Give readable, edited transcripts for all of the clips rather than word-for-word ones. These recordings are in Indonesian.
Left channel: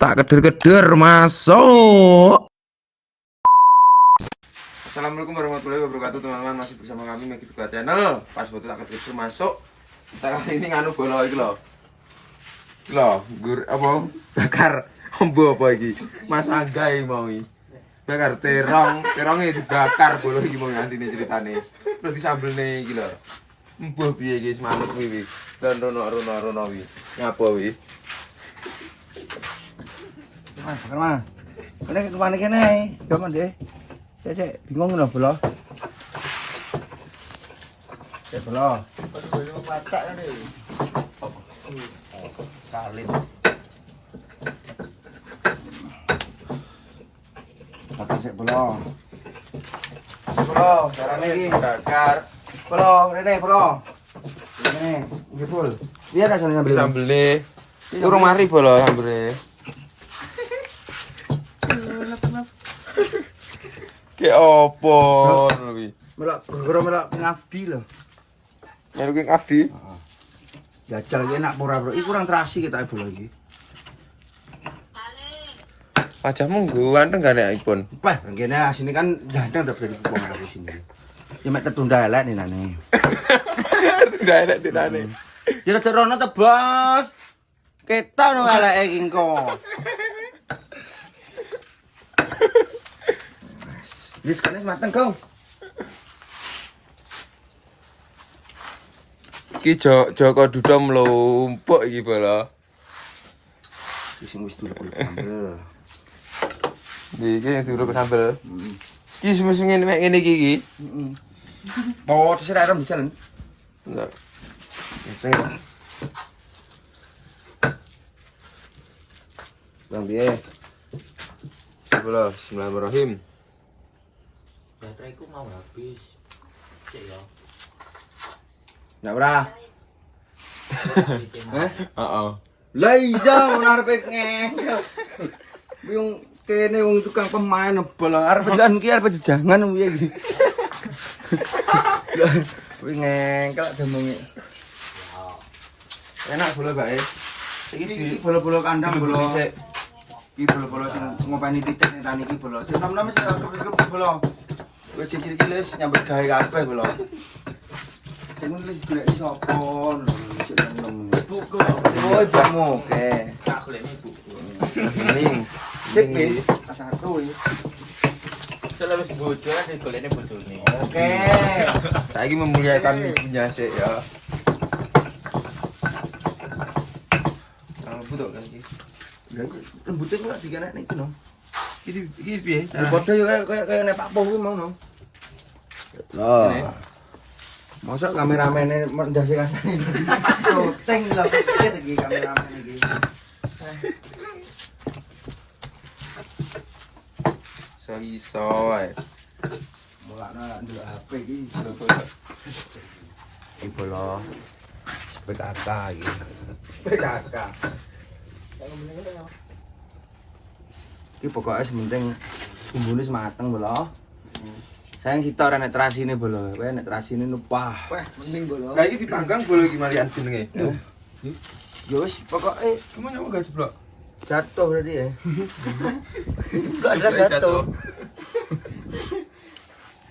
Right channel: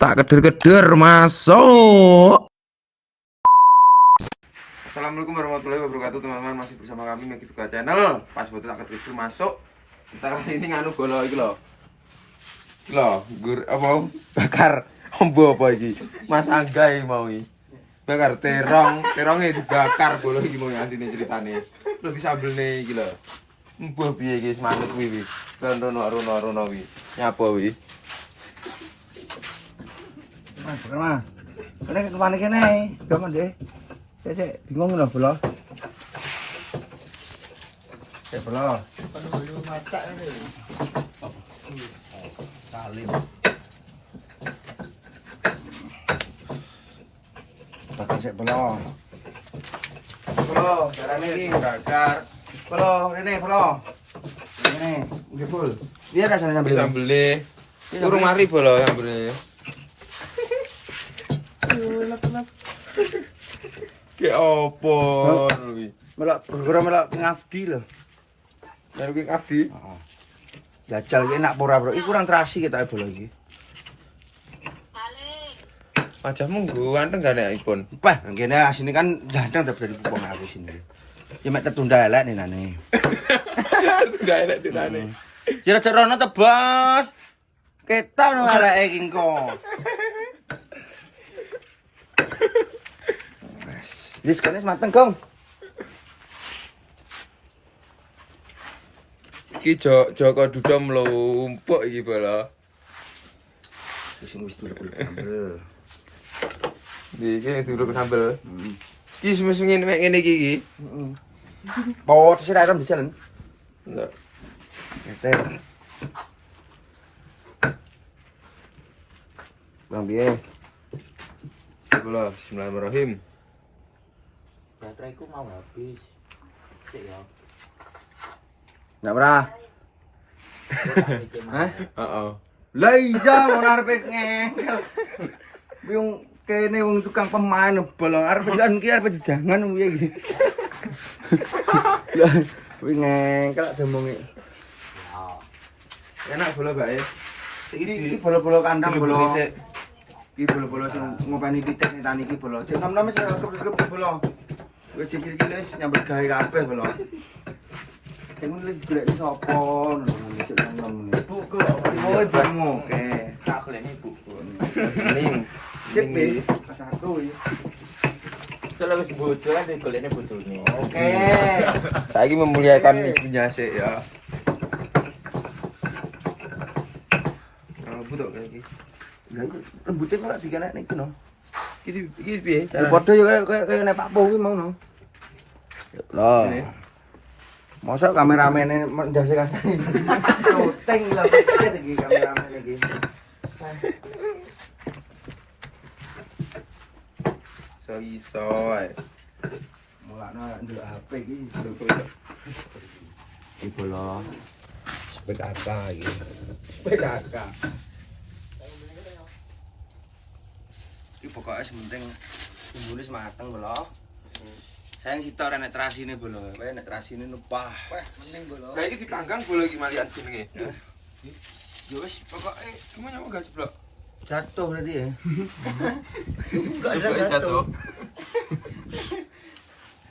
Tak keder-keder masuk. Assalamualaikum warahmatullahi wabarakatuh teman-teman, masih bersama kami Megi Buka Channel. Pas betul tak keder masuk. Kita kali ini nganu bola iki lho. Gur apa bakar ombo apa iki? Mas Angga mau iki. Bakar terongnya dibakar bola iki mau antine ceritane. Terus disambelne iki lho. Mbuh piye iki semangat iki. Dan rono iki. Nyapa iki? Mas, bakar mas. Kene kemana kene? Jangan deh. Saya bingung loh bola. Bola. Salim. Bakar sik bola. Bola, carane iki bakar. Bola, ini bola. Ini, iki full. Biar ada soalnya beli. Sambelne. Urung mari bola sambelne. Ke opo kuwi? Melak ngabdi lho. Baru King Abdi. Heeh. Jajal iki enak ora, Bro. Iki kurang terasi kita bola iki. Wajahmu nggo anteng gak nek iPhone. Wah, kene asine kan dandang tak dari pupung aku sini. Ya mek tertunda elek nene. Udah enak ditane. Ya rada rono tebas. Ketan eleke iki engko. Wis kene mateng, Gong. Iki Joko Dudo mlumpuk iki bola. Wis dulu sambel. Iki yang dulu ke sambel. Iki semes-semes ngene iki iki. Heeh. Bawa terus ra bisa kan. Enggak. Eter. Bang piye? Bola bismillahirrahmanirrahim. Bateraiku mau habis. Cek ya. Enggak ora. Hah? Heeh. Lah iya ngono arepe ngengkel. Wong kene wong tukang pemain bola arep jalan ki arep jangan piye iki. Kuwi ngengkel demongi. Enak bola bae. Iki bola-bola kandang bola. Iki bola-bola sing ngopeni titik ning tani iki bola. Jek nom-nom sing akep-akep bola. Wis cilik-cilik wis nyambut gawe kabeh bola. Sing nulis golek sapa ngono cek nom-nom. Buku lho. Oh, jamu. Oke. Tak golekne buku. Ini. Sik iki satu iki. Soale wis bojo kan digolekne bojone. Oke. Saiki memuliakan ibunya sik ya. Butuh kan iki. Rembute kok dikenek niku no. Iki piye? Padha yo kaya nek Pak Po kuwi mau no. Lah. Masa kameramene ndase kasane. Shooting lah iki kameramene iki. Iso ae. Mulane ndelok HP iki. Iki bola. PKK iki. PKK. Iki pokoknya sementing bumbune mateng bola. Sayang sitok ora nek terasine bola. Kowe nek terasine nupah. Wah, mending bola. Lah iki dipanggang bola iki malian jenenge. Ya wis pokoke Kamu nyamuk gak jeblok? jatuh berarti ya. Enggak ada jatuh.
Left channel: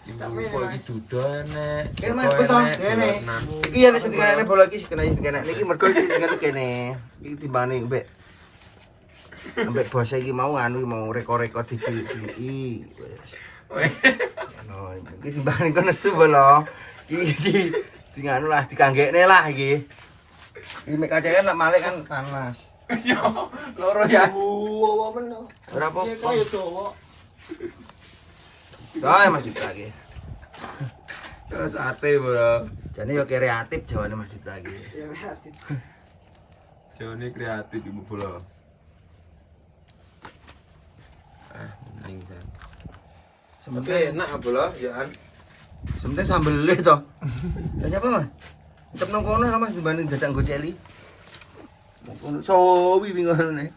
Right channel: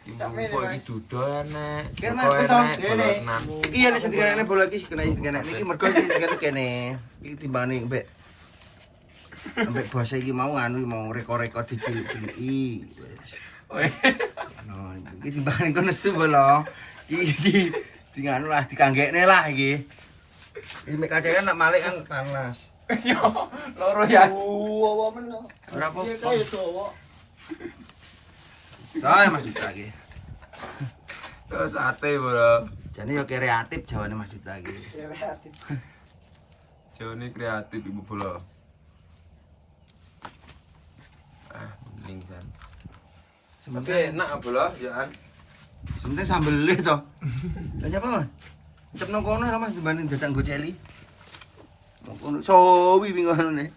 Iki iki dudol nek. Kene Mas kene. Iki ya nek sing dikene bola iki kene niki mergo iki kene. Iki timbane mbek ambek bos iki mau anu mau rekor-rekor diciliki wis. No, iki timbane kok nesu bola. Iki di nganu lah dikanggekne lah iki. Iki mek kacae nak malik kan panas. Yo, loro ya. Wow, men lo. Ora apa-apa. Saya Mas Juta iki. Terus ate bola. Jane yo kreatif jawane Mas Juta iki. Kreatif. Jone kreatif ibu bola. Mending jan. Sementing Enak bola ya an. sementing sambele to. Lah nyapa Mas? Cep nang kono Mas dibanding dadak nggo celi. Ngono sowi pingane.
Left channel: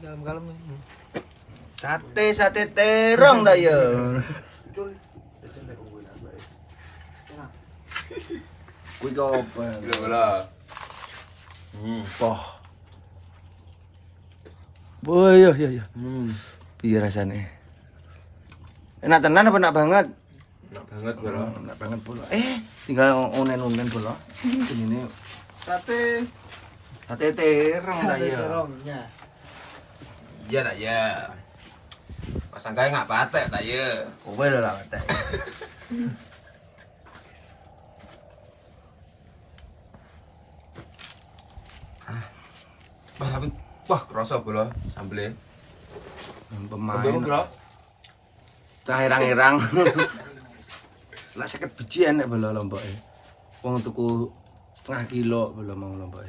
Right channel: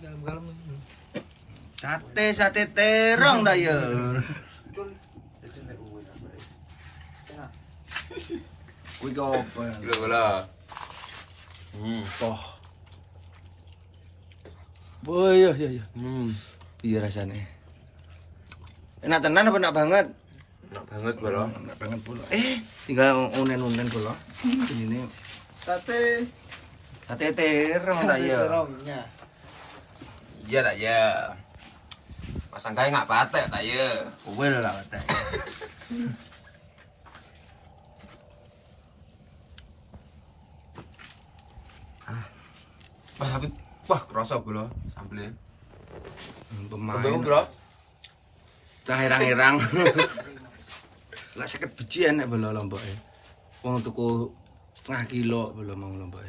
Dalam kalem. Sate terong ta ya. Kuwi kok apa? Bola. Poh. Oh iya iya iya. Iya rasanya. Enak tenan apa enak banget? Enak banget bolo. Enak banget pula. Tinggal onen-onen pula. Ini Sate. sate terong tak ya. terongnya. Iya tak ya. Pasangkae nggak patek tak ya. Wel lah kata. Wah tapi wah kerasa bolo sambelnya. Pemain. Kembang bro. Cah irang-irang. Lah 50 biji enek bolo lomboke. Wong tuku setengah kilo bolo mau lomboke.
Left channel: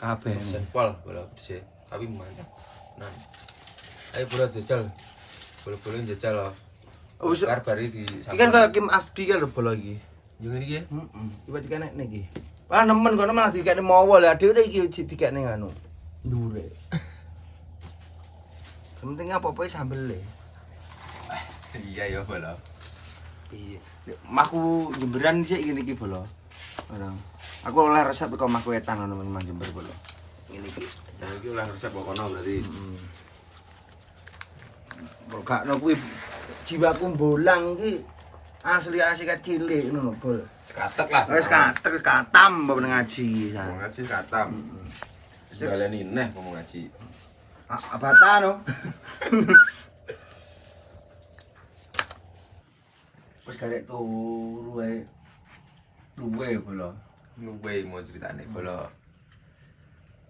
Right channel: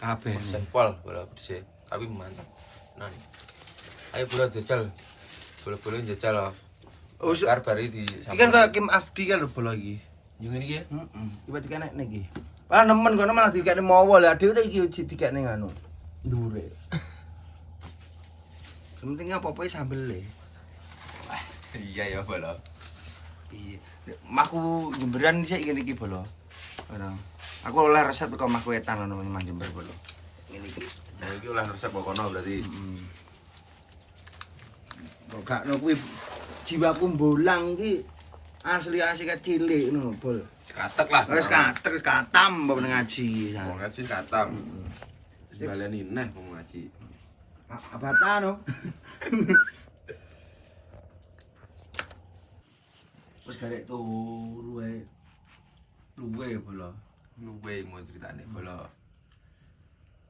Kabeh. Senpol bolo dhisik. Tapi mantap. Nah. Ayo bolo jajal. Bolo-bolo jajal loh. Oh, Bakar bari di iki kan kaya Kim Afdi kan bolo iki. Yo ngene iki ya. Heeh. Tiba-tiba nek iki. Malah nemen kono malah dikekne mawa lha dhewe iki dikekne ngono. Ndure. Penting apa-apa sambel e. Iya ya bolo. Piye? Maku Jemberan sik ngene iki bolo. Barang. Aku oleh resep kok maku wetan ngono Mang Jember bolo. Ngene iki. Nah iki ulah resep kono berarti. Gak no kuwi jiwaku bolang iki asli cilik ngono bol. Katek lah. Wis katam mbok ngaji. Wong ngaji katam. Baleni neh ngomong ngaji. Abata no. Wis garek turu ae. Luwe bolo. Luwe mau ceritane bolo.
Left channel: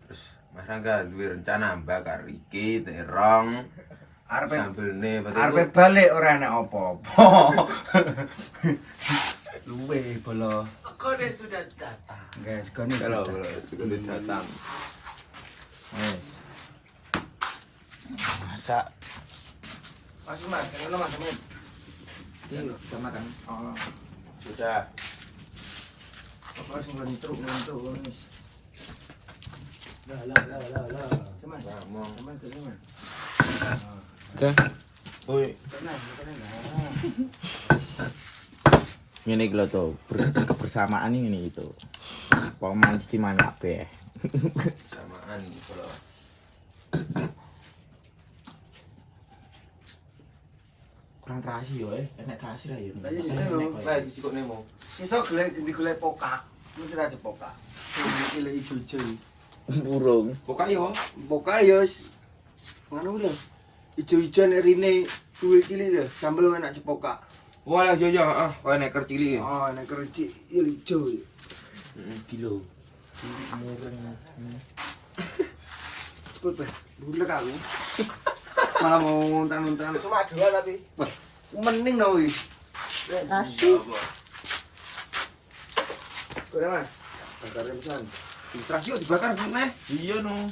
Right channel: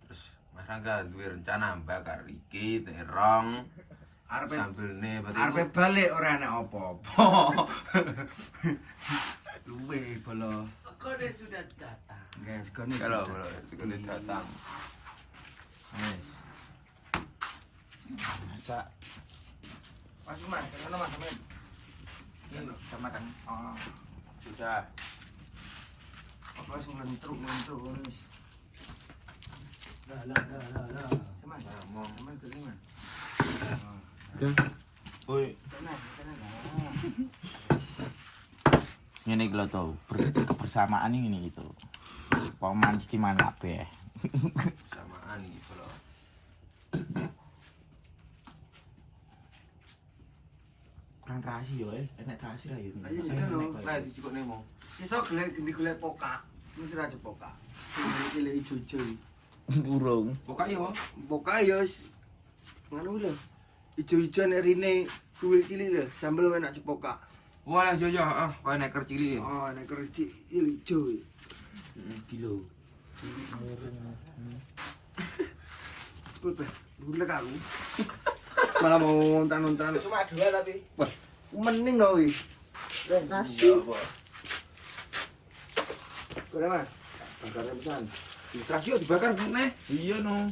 Terus Mas Rangga duwe rencana bakar iki terong. Sambelne Arepe balik ora enek apa-apa. Luwe bolo. Sekone sudah datang. Guys, kan kalau bolo sebelum datang. Masak. Mas, ngono Mas. Iki udah makan. Oh, Sudah. apa sing lentruk wis. Lah. Mas, Mau teman teman. Oke. Woi, Tenang. ngene iki lho to, kebersamaan ini itu. Paman cici manyak be. samaan iki bolo. Kurang terasi yo enak terasi ra yo. Lah iya lho. Lah dicukuk nemo. Iso digolek pokak. Mesti aja pokak. Iki lek ijo-ijo. Burung. Buka yo. Pokak ya wis ngono lho. Ijo-ijo nek rine kuwi cilik lho, sambel enak cepokak. Walah yo koyo nek cilik. Oh, nek kerji ijo. Kilo. Cepet, bulek aku. Malah mau ngontan-ngontan. Cuma 2 tapi. Wah, mending lho iki. Nasi. Kore Mas. Bakar pisan. Terasi kok dibakar neh. Iya no.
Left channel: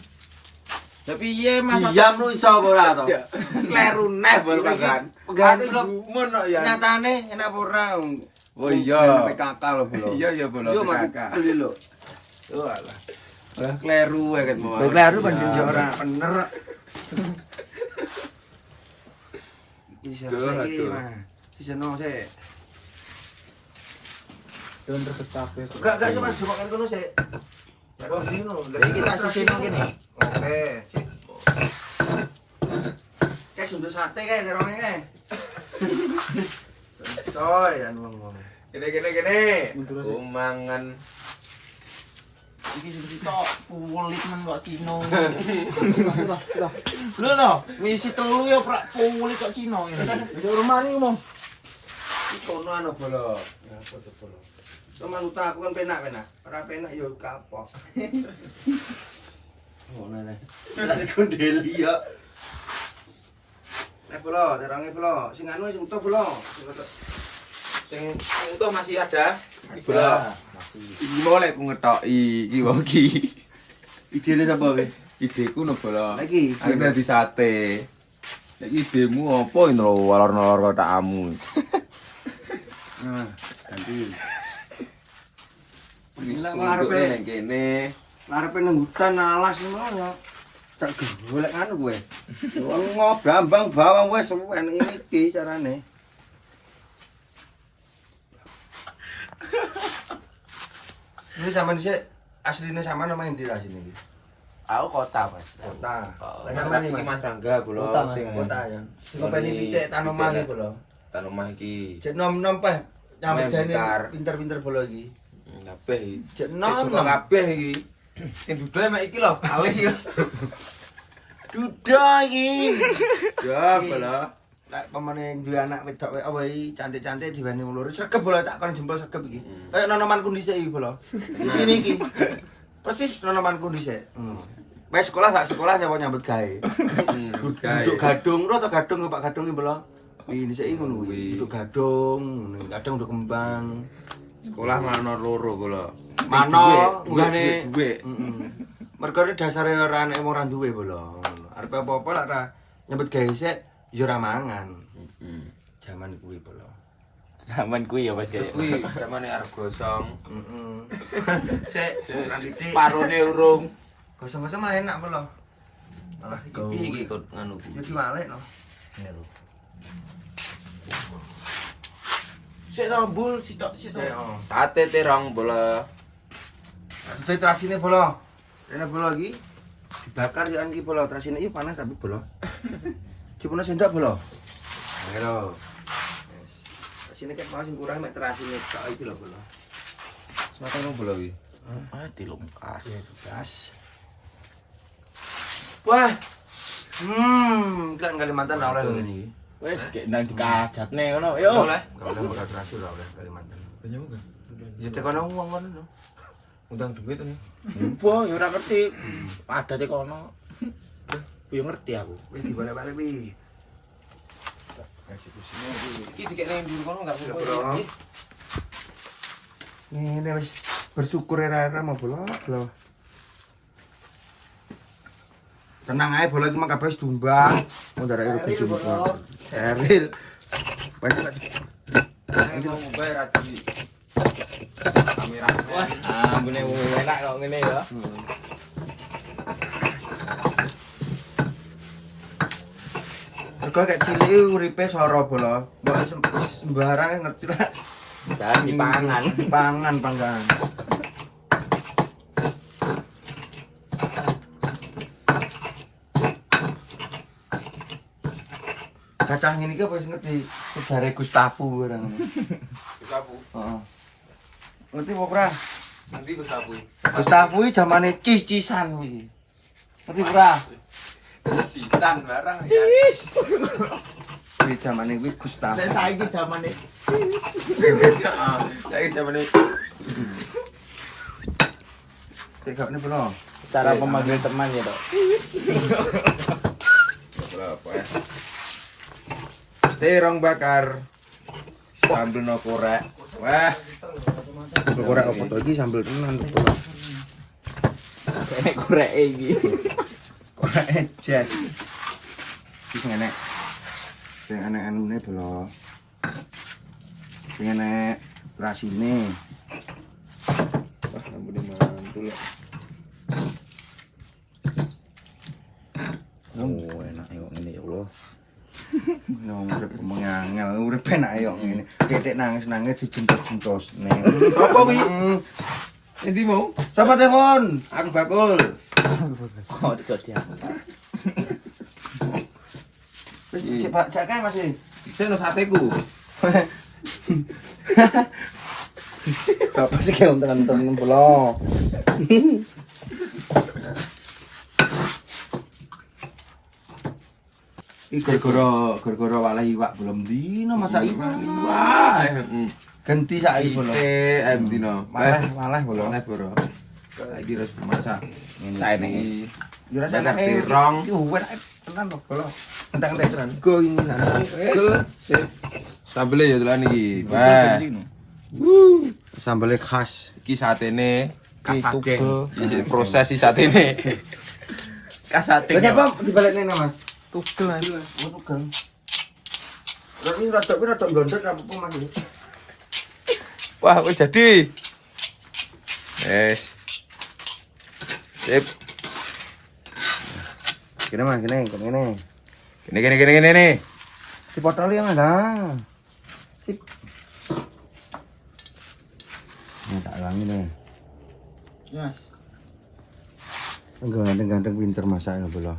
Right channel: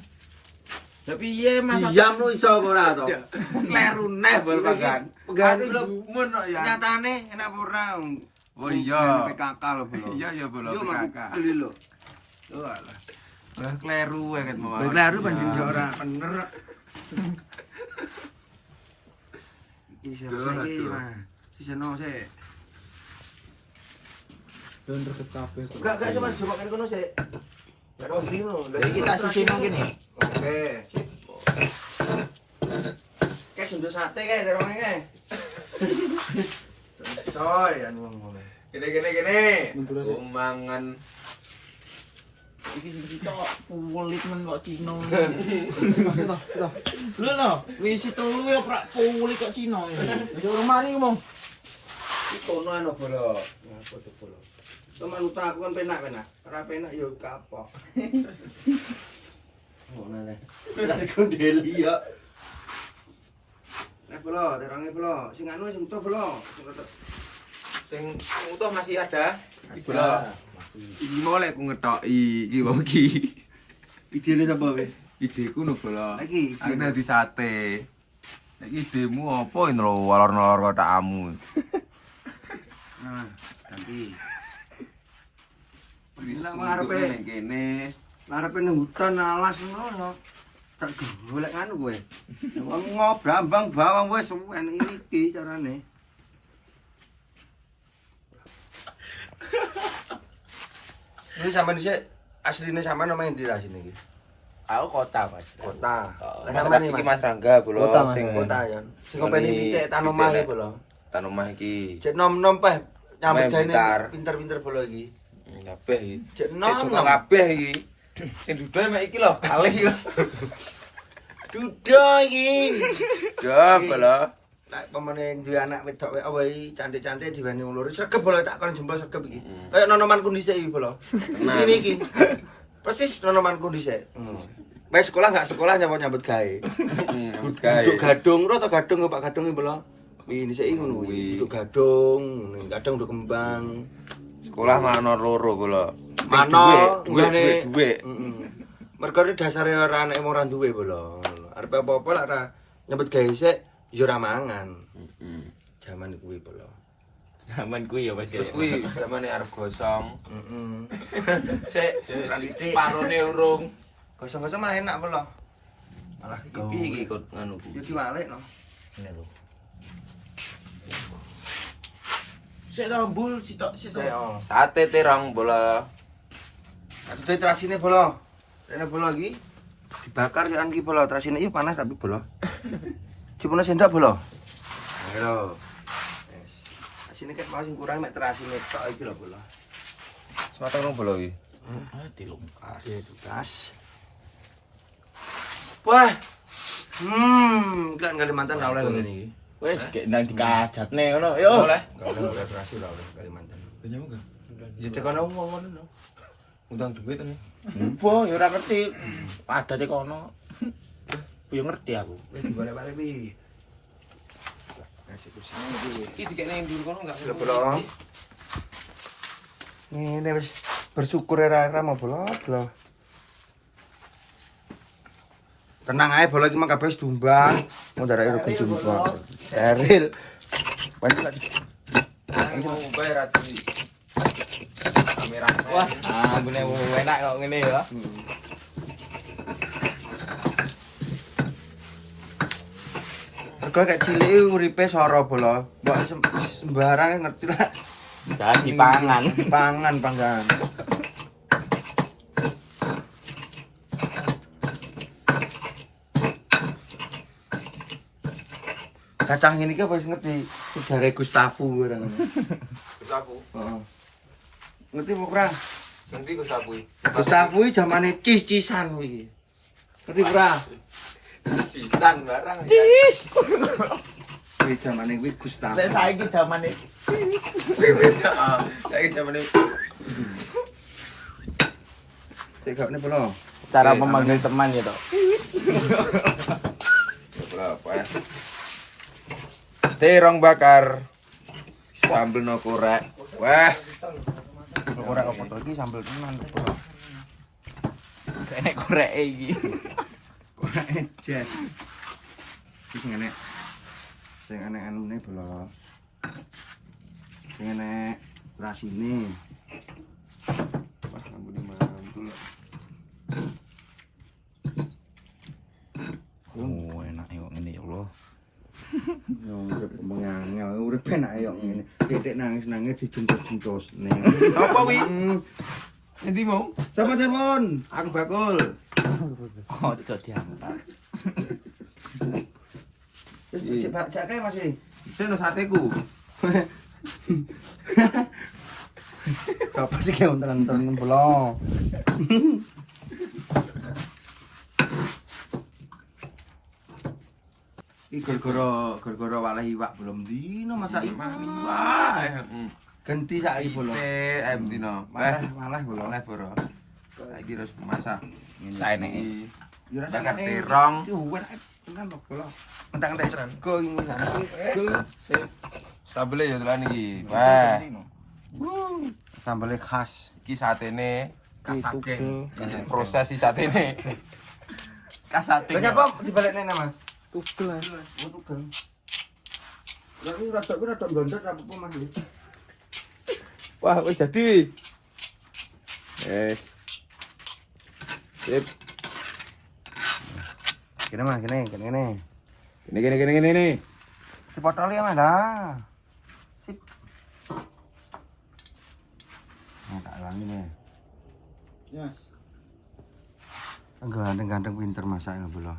Tapi iya masak. Diam lu iso apa ora to? Kleru neh bol kan. Pegangan Aku lho. gumun kok ya. Nyatane enak apa ora? Oh iya. PKK lho, Bro. Iya bolo Yo mak kakak. beli lho. Yo alah. Lah kleru wae ket mau. Baik kleru pancen yo ora bener. Iki saiki Mas. Siseno sik. Yo ndeket kabeh. Gak cuma coba kan kono sik. Ya wong iki lho. Jadi kita sisino kene. Oke. Kayak sunduk sate kayak terongnya kayak. Soy anu ngono. Kene. Umangan. Iki sing sitok pulit men kok Cino. Lho no, wis telu yo prak pulit kok Cino ngene. Wis rumah iki ngomong. Kono anu bolo. Ya foto bolo. Sama luta aku kan penak. Ora penak yo kapok. Ngono nek. Ora dikondeli ya. Bolo, terangnya bolo. Sing anu sing utuh bolo. Sing utuh masih ada. Bolo. Iki mau lek ku ngetoki iki wong iki. Idene sapa kowe? Ideku no bolo. Lagi. Aku dadi sate. Nek idemu apa ini lho walor-walor kotakmu. Nah, ganti. Lah ngarepe nek kene. ngarepe nang hutan alas ngono. Tak golek anu kowe. Wong ngobrambang bawang wis enek iki carane. Ini sampean sik asline sampean nama endi ra sini iki? Aku kota, Mas. Kota. Lah Mas sampean iki iki Mas Rangga Kota, bolo Mas. sing kota ya. Sing ngopeni titik tan omah iki lho. tan omah iki. Cek nom-nom peh nyambut Main gawe bentar. pinter-pinter bola iki. Kabeh iki. Cek Cek nom. suka kabeh iki. Sing duduk mek iki lho, kalih iki. Duda iki. Ya, bolo. Nek pemene duwe anak wedok apa iki cantik-cantik diweni wong loro. Sregep bola tak kon jempol sregep iki. Kayak nonomanku dhisik iki bola. Di sini iki. Persis nonomanku dhisik. Wes sekolah gak sekolah nyambut gawe. Nyambut gawe. Duduk gadung ro to gadung Pak Gadung iki bola. Wi dhisik iki ngono kuwi. Kuwi. Duduk gadung, kadang duduk kembang. Sekolah mana loro bolo. Mano duwe. Heeh. Mergo dasare ora anek ora duwe bola. Arep apa-apa lak ora nyambut gawe sik ya ora mangan. Heeh. Zaman kuwi bola. Zaman kuwi ya, Mas. Terus kuwi zamane arep gosong. Heeh. Sik, ora titik. Parone urung. Kosong-kosong mah enak bola. Malah Iki iki ikut nganu ku. yo diwalek no. Ini lho. Sik tombul, sitok Sik oh. Sate terong bolo. Atuh terasine bola. Rene bola iki dibakar kan iki bola terasine yo panas tapi bola. Cuma sendok bola. Ayo. Wes. Terasine ket mau sing kurang mek terasine tok iki lho bola. Sematang bolo iki. Ah, dilungkas. Ya tugas. Wah. Kan Kalimantan ora oleh ngene iki. Wes gek nang dikajatne ngono. Yo. Oleh. Ora oleh bola terasi ora oleh Kalimantan. Banyak enggak? Ya tekono wong ngono lho. Utang duit ini. Mbah, ya ora ngerti. Adate kono. Yo ngerti aku. Wis dibalik-balik pi. Eksekusinya iki. Iki dikene ning ndi kono enggak Sudah bola. Ini wis bersyukur era mau bola. Tenang aja bola iki mah kabeh wis tumbang. Mau darake ora kujumpang. Eril. Banyak lagi. Anjir bayar ati. Kamera. Wah, ambune enak kok ngene ya. Mergo kayak cilik uripe soro bola. Mbok sembarang ngerti lah. Jangan dipangan. Pangan panggan. Kacang ini ke wis ngerti sejarah Gustavo barang ngono. Gustavu. Heeh. Ngerti apa ora? Sing ndi Gustavu? Gustavo iki zamane cis-cisan kuwi. Ngerti ora? Cisan barang. Cis. Kuwi zamane kuwi Gustavo. Nek saiki zamane Heeh. Saiki zamane Tekane pula. cara memanggil teman ya, Dok. apa ya? Terong bakar. Sambel no korek. Wah, Korek apa to iki sambel tenan to pula. Ini korek iki. Korek jas. Iki enek. Sing enek anune pula. Sing enek rasine. wah ampun mantul. Oh, enak kok ngene ya Allah. Nang urip mengangel, urip enak yo ngene. Titik nangis-nangis dijentos-jentos. Apa wi? Endi mau? Sapa telepon? Aku bakul. Ojo diangkat. Cek Pak, cek kae Mas. Sing no sateku. Sapa sih kayak unten-unten pula. Iki gara-gara walah iwak belum dino masak iwak. Wah, Ganti saiki pula. ayam dino. Malah pula. Oleh bro. Saiki harus masak. Saene iki. Yo rasa Bakar enak. terong. Yo enak tenan kok pula. Entek-entek sego ini. Sambelnya ya dolan iki. Wah, Sambelnya khas. iki satene. Kasage. Iki proses si satene. Kasate. Banyak Pak dibalikne nama. Tugel aja. Oh tukang. Tapi rada blondet apa Mas? Wah, wis jadi. Yes. Sip. Kene Mas, kene. Gini nih. Dipotol ya Mas. Nah. Sip. Ini tak ulangi deh. Mas. Ganteng-ganteng pinter masak lho bola.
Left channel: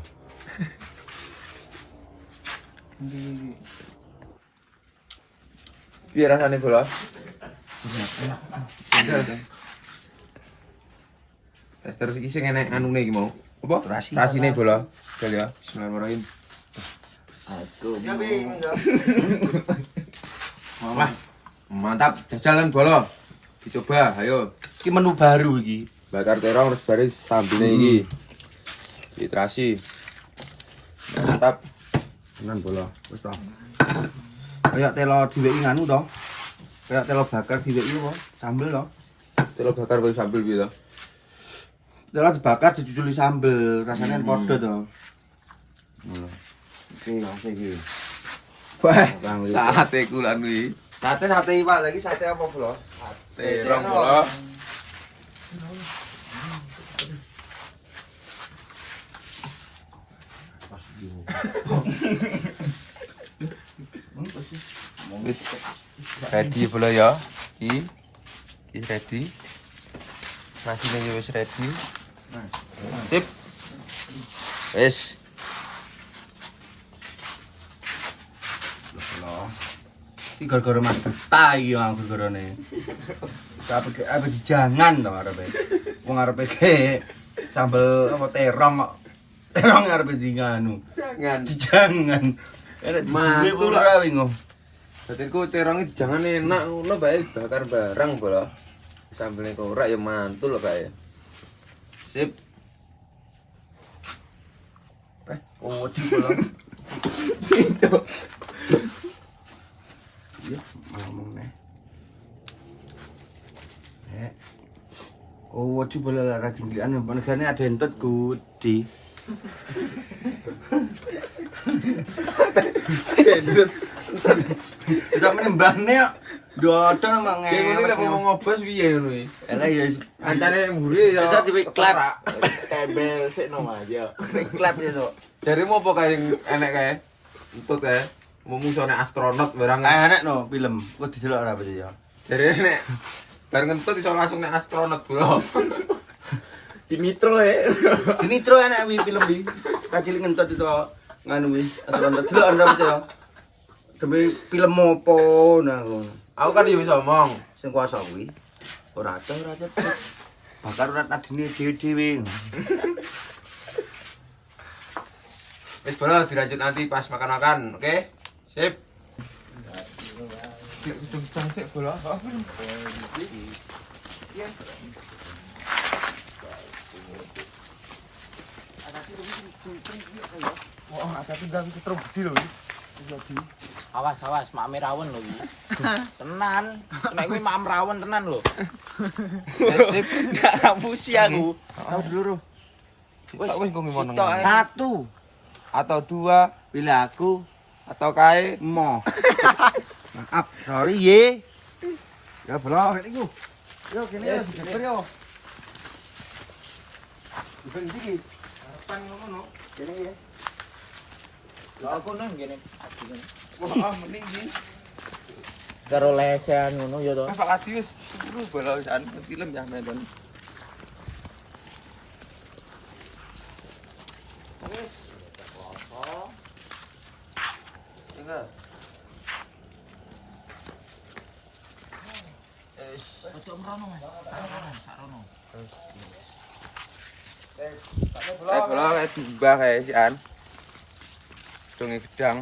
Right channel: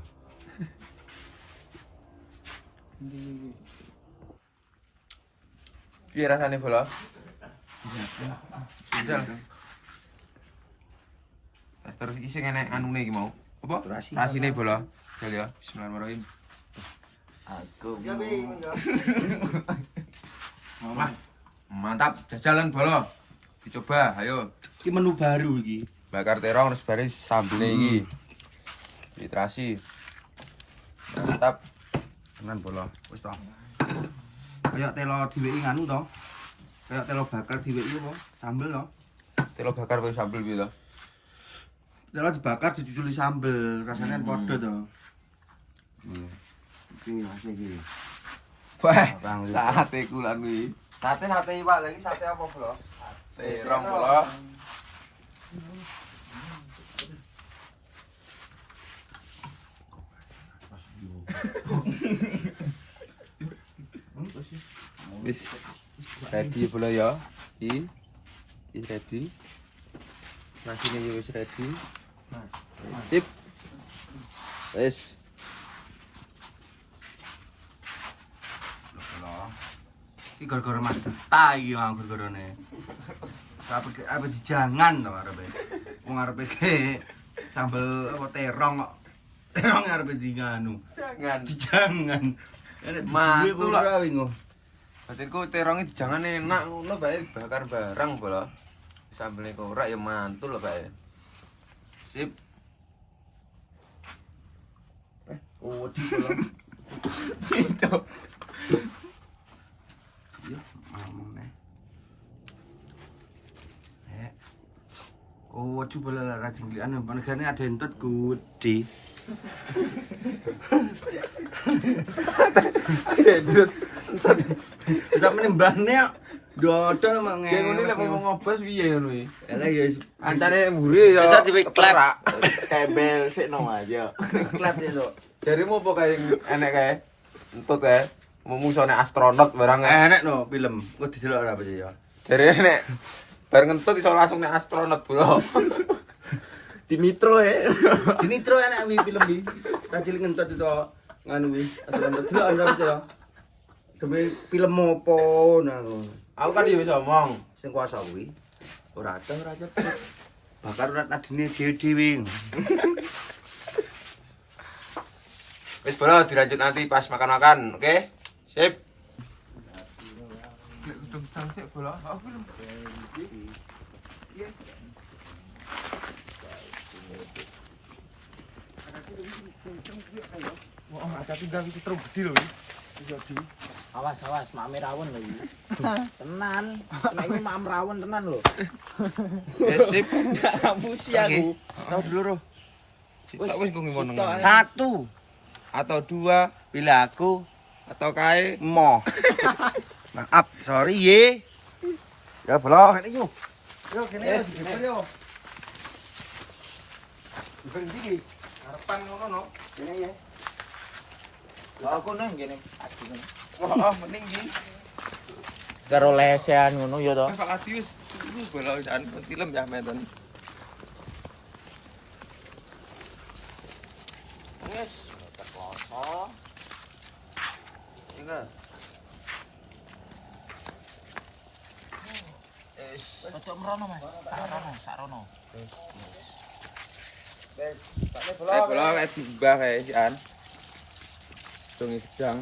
Piye rasane bola? Terus iki sing enek anune iki mau. Apa? Rasine bola. Jal ya. Bismillahirrahmanirrahim. Aku Wah, mantap. Jajalan bola. Dicoba, ayo. Iki menu baru iki. Bakar terong terus baris sambelnya iki. Literasi. Mantap. Tenan bola. Wis to. Kayak telo diweki nganu to. Kayak telo bakar diweki apa? Sambel to. Telo bakar baru sambel gitu. Telo dibakar dicuculi sambel, rasanya padha to. Ngono. Iki asik iki. Wah, sate kulan kuwi. Sate Pak, lagi sate apa, Bro? Terong bola. Wis ready bola ya. Iki ready. Rasine yo wis ready. Sip. Wis. Bola. Iki gara-gara Mas Duta iki yang gara-garane. Apa jangan to arepe. Wong arepe ke sambel apa terong kok. Terong arepe di nganu. Jangan. Enak Mantul ora wingo. Batinku terongnya jangan enak ngono bae bakar barang bola. Sambelnya korak ya mantul bae. Sip. Oh, bola. Itu. Iya, ngomong nih. Oh, coba lah rajin kalian. Negara ada entot gede. Bisa menimbangnya dodol mang. Kayak ngene lek mau ngobos piye ngono iki? Elah ya Ancane mburi ya. bisa diklep. tembel sik no aja. Klep ya, Sok. Jarimu apa kae enek kae? Entut kae. Mau musone astronot barang. Enak no film. Kok didelok ora apa ya? Jare enek bareng entut iso langsung nek astronot bro. Di Nitro ya. Di Nitro enak wi film wi. Kacil ngentot itu nganu wi. Atau ngentot delok ora apa ya? Demi film opo nah. Aku kan yo bisa omong. Sing kuasa kuwi ora ada. Bakar ora tadine dhewe-dhewe. Wis bro dilanjut nanti pas makan-makan, oke? Sip. Udah sik bola. Wah, ada tinggal iki terus gede lho. Awas, mak rawon lho iki. Tenan. Nek kuwi mak rawon tenan lho. Sip. Ngapusi aku. Tahu dulu, Ro. Wis kok ngono. Satu Atau dua pilih aku atau kae mo. Maaf, sorry ye. Ya belum ini yuk. Yo kene yo digeser yo. Berhenti. Harapan ngono. Kene ye. Aku nang ngene. wah mending iki. Karo lesean ngono ya to. Pak Adius, lu bola wisan film ya meten. Yes. Enggak. Ojo mrono, Mas. Sarono. Bola kayak diubah kayak sian. Sungai gedang.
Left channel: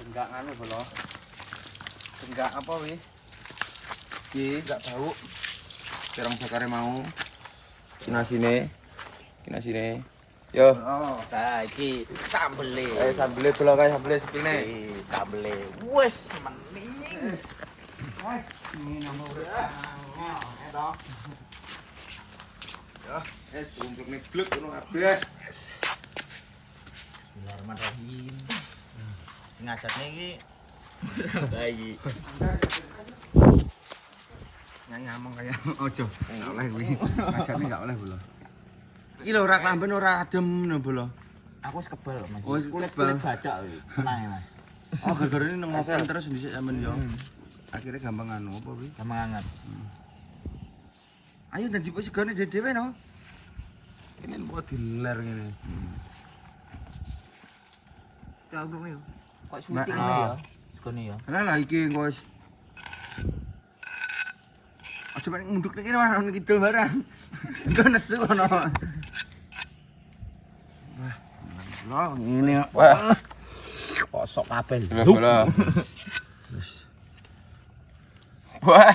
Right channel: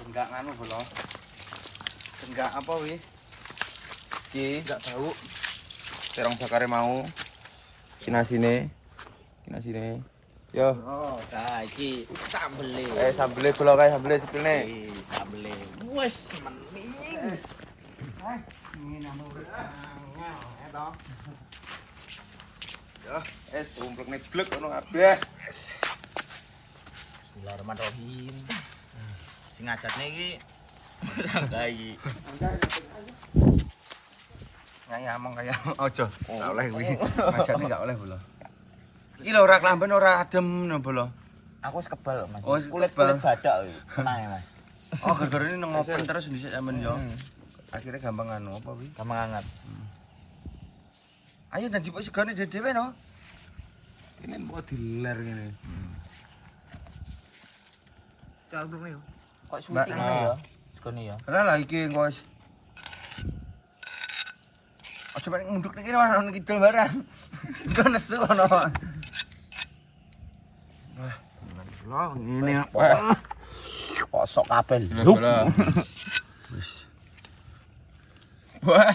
Enggak nganu bola. Enggak apa wi? Iki enggak tahu. Terong bakare mau. Sinasine. Kinasine. Yo. Oh. Nah, iki sambele. Sambele bola kae sambele sepine. Sambele. Wes mending. Ini nama udah. Edo. Yo, tumplek nek blek ngono kabeh. Bismillahirrahmanirrahim. Sing ngajatne iki tangga iki. Ngomong kayak ojo. Enggak oleh kuwi. Majane enggak oleh bola. Iki lho ora klamben ora adem no bola. Aku wis kebal, Mas. Oh, wis Kulit kebal. badak iki. Tenang ya, Mas. Oh gara-gara ini ngopen terus dhisik sampean yo. Akhirnya gampang anu apa kuwi? Gampang anget. Ayo dan jipuk segone dhewe no. Pengen kok diler ngene. Cabruk nih. Kok syuting ya? Sekone ya. Lah iki engko wis. Aja mek ngunduk iki ono kidul barang. Engko nesu ono. Wah, lho ngene ya. Kok sok kabel. Wah.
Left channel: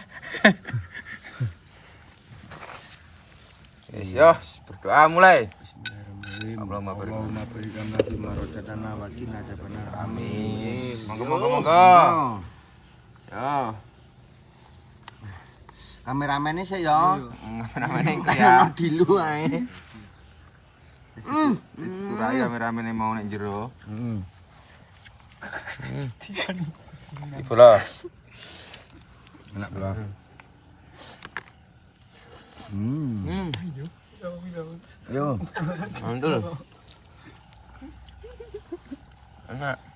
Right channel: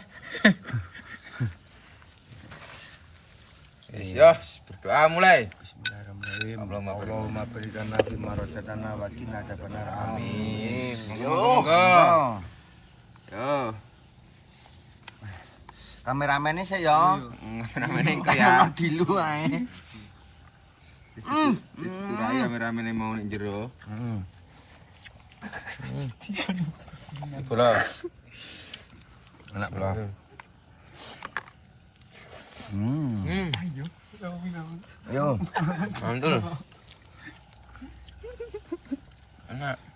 Yo, berdoa mulai. Bismillahirrahmanirrahim. Allahumma berikan nabi marojatana wa qina adzabannar. Amin. Monggo. Yo. Kameramene sih ya. Kameramene engko ya. Dilu ae. Turai kameramene mau nek jero. Bolos. Enak bolos. Yo. Mantul.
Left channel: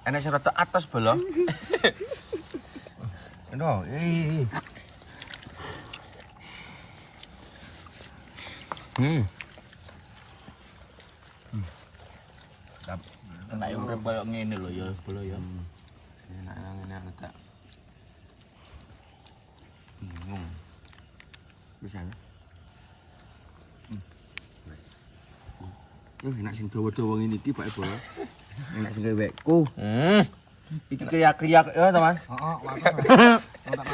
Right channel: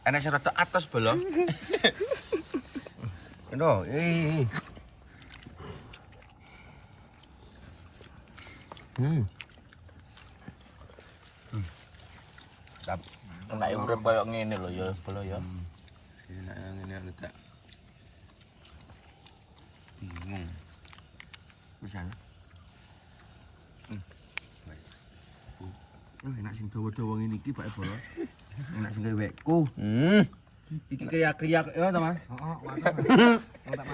Enak sing rada atas bolo. Eno, Sap. Enak urip koyo ngene lho ya, bolo ya. Enak ngene aku tak. Bisa. Enak sing dawa-dawa ngene iki Pak Bolo. Enak sing wekku. Iki kriak-kriak ya, teman. Heeh, mantap. Tak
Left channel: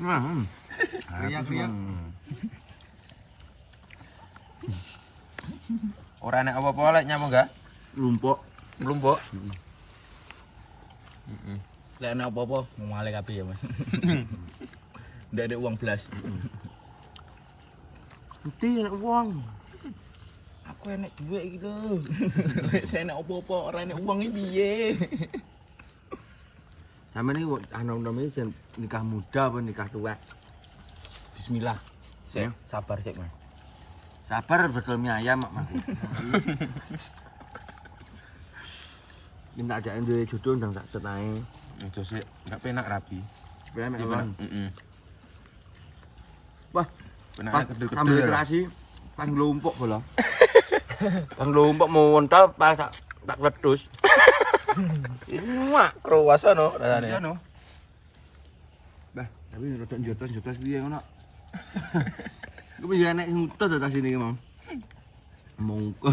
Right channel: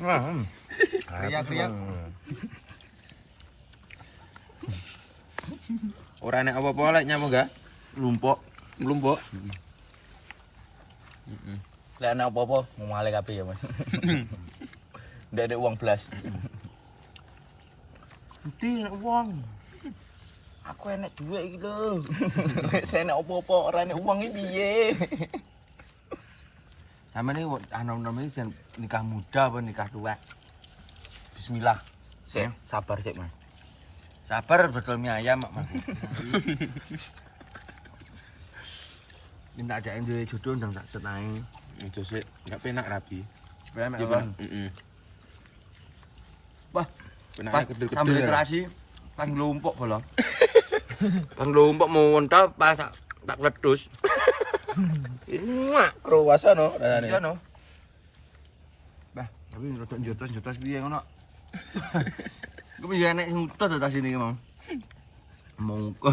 malang. Kriak-kriak. Ora nek apa-apa lek nyamuk enggak? Lumpuk. Lumpuk. Lek ana apa-apa mau male kabeh ya, Mas. Ndak ada uang belas. Bukti nek wong. Aku enek duit iki lho. Saya enek apa-apa ora enek uang iki piye? Sampe ini anom-anom ini nikah muda apa nikah tua? Bismillah. Sik, sabar sik, Mas. Sabar betul mie ayam mak. Minta ajakin duwe jodoh ndang tak senae. Itu sih enggak penak rabi. Supaya mek Coba. ngono. Wah, Penak pas kedul-kedul. sambil literasi pas nglumpuk bola. Pas nglumpuk mau wontol pas tak letus. Wah, Krowaso no iya no. Bah, tapi rodok njotos-njotos piye ngono. Ku piye nek ngutus to tas ini mau. Mongko.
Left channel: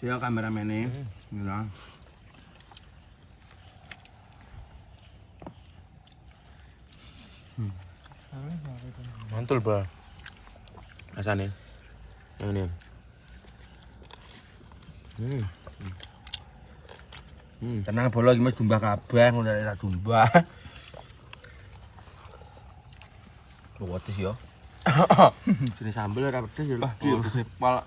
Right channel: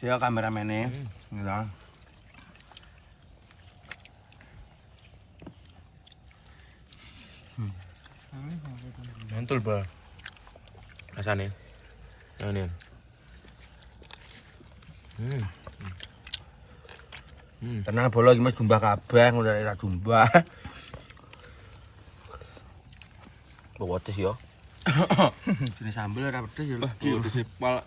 Siya kameramene. Ngene. Mantul ba. Rasane. Ini. Tenang bola iki Mas domba kabeh ngono ora domba. Wetes ya. Jenis sambel ora pedes ya lho. Sepal.